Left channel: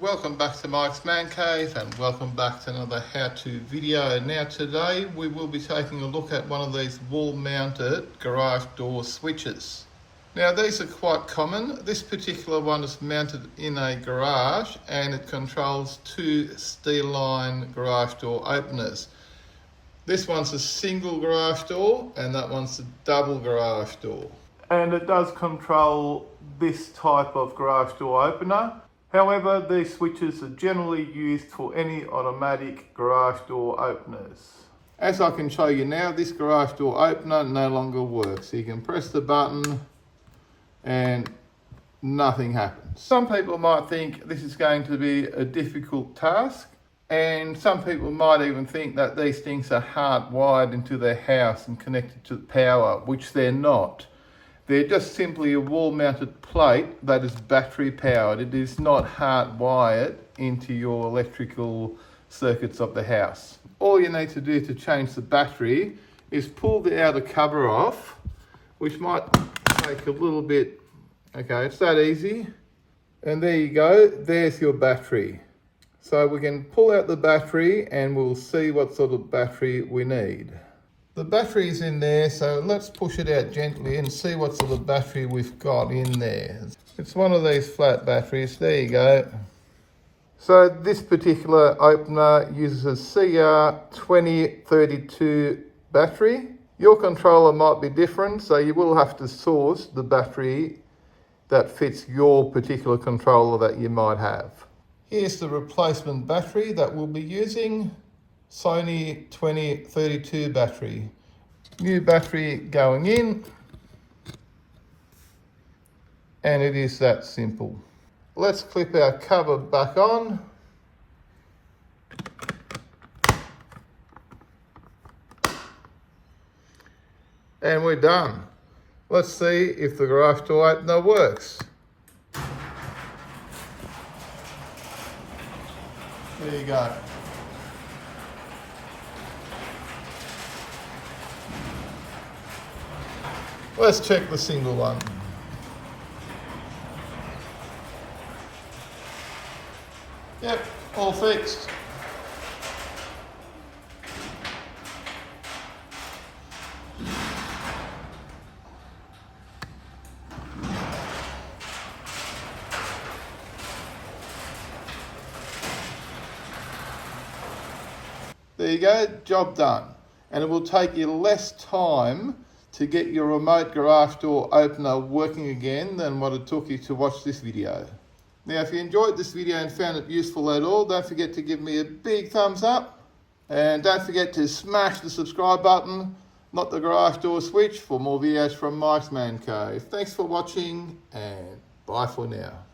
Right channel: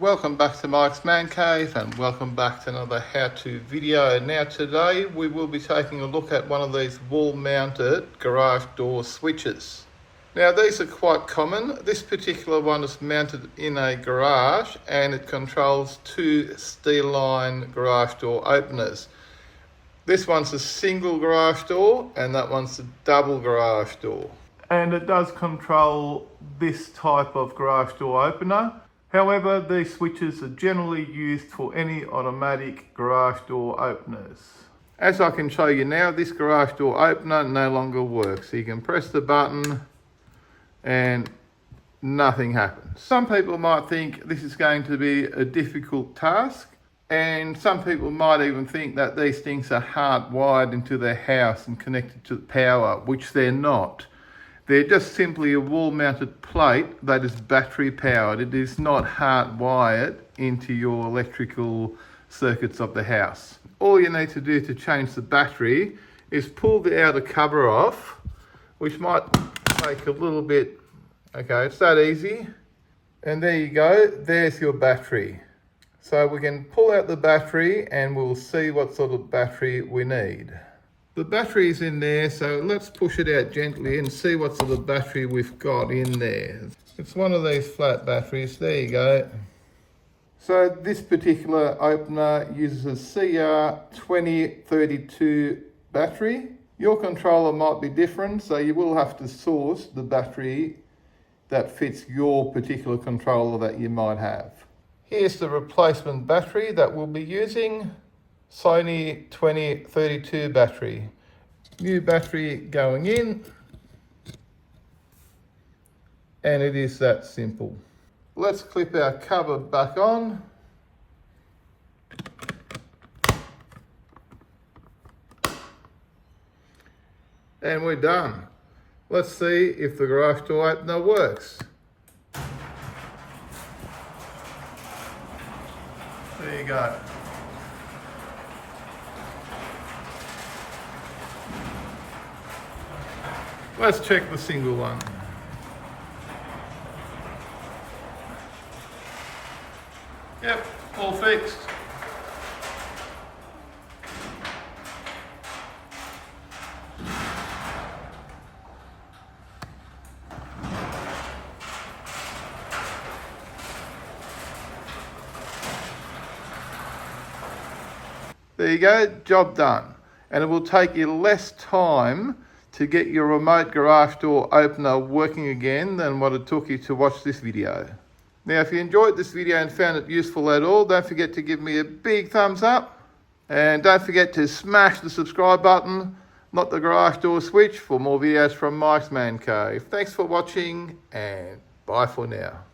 Welcome back to Mike's Man Cave and welcome back to another how-to video. Now today we will be taking a look at one of these wall-mounted garage door switches. Now these are quite common. This particular one is mounted in a garage and it controls two steel line garage door openers. This one's a single garage door and that one's a double garage door. And it does control this type of garage door opener. However, these switches are generally used for any automatic garage door openers. As I can show you now, this garage door opener no longer works. So you can press the button and nothing happens. Some people might think this is going to be a difficult task, and some people might even think that these things are hardwired into their house and connected to power, which they're not. They're just simply a wall-mounted plate that is battery powered. It is not hardwired into your electrical circuits of the house. All you need to do to change the battery is pull the outer cover off, which might take a little bit. Okay, it's that easy. And there you go, there's your battery. So we can pull out the battery and we'll see what sort of battery we need. The battery is in there, so let's push it out gently and see what sort of battery we've got in there. It's one of these flat batteries, there you go. So this particular opener uses a CR2032 battery. Your controller might be different, so you will have to source the battery that fits your particular controller that you might have. Here's the replacement battery that we'll be using. Sony 2032 battery. New battery going in, and it is that simple. Let's clip our cover back on. And we're done. Let's see if the garage door opener works. There you go. Let's check the single one. Yep, all fixed. There you go, job done. And it will take you less time to get your remote garage door opener working again than what it took you to watch this video. Now, if you enjoyed this video and found it useful at all, don't forget to give me a big thumbs up. And don't forget to smash the subscribe button, not the garage door switch, for more videos from Mike's Man Cave. Thanks for watching and bye for now.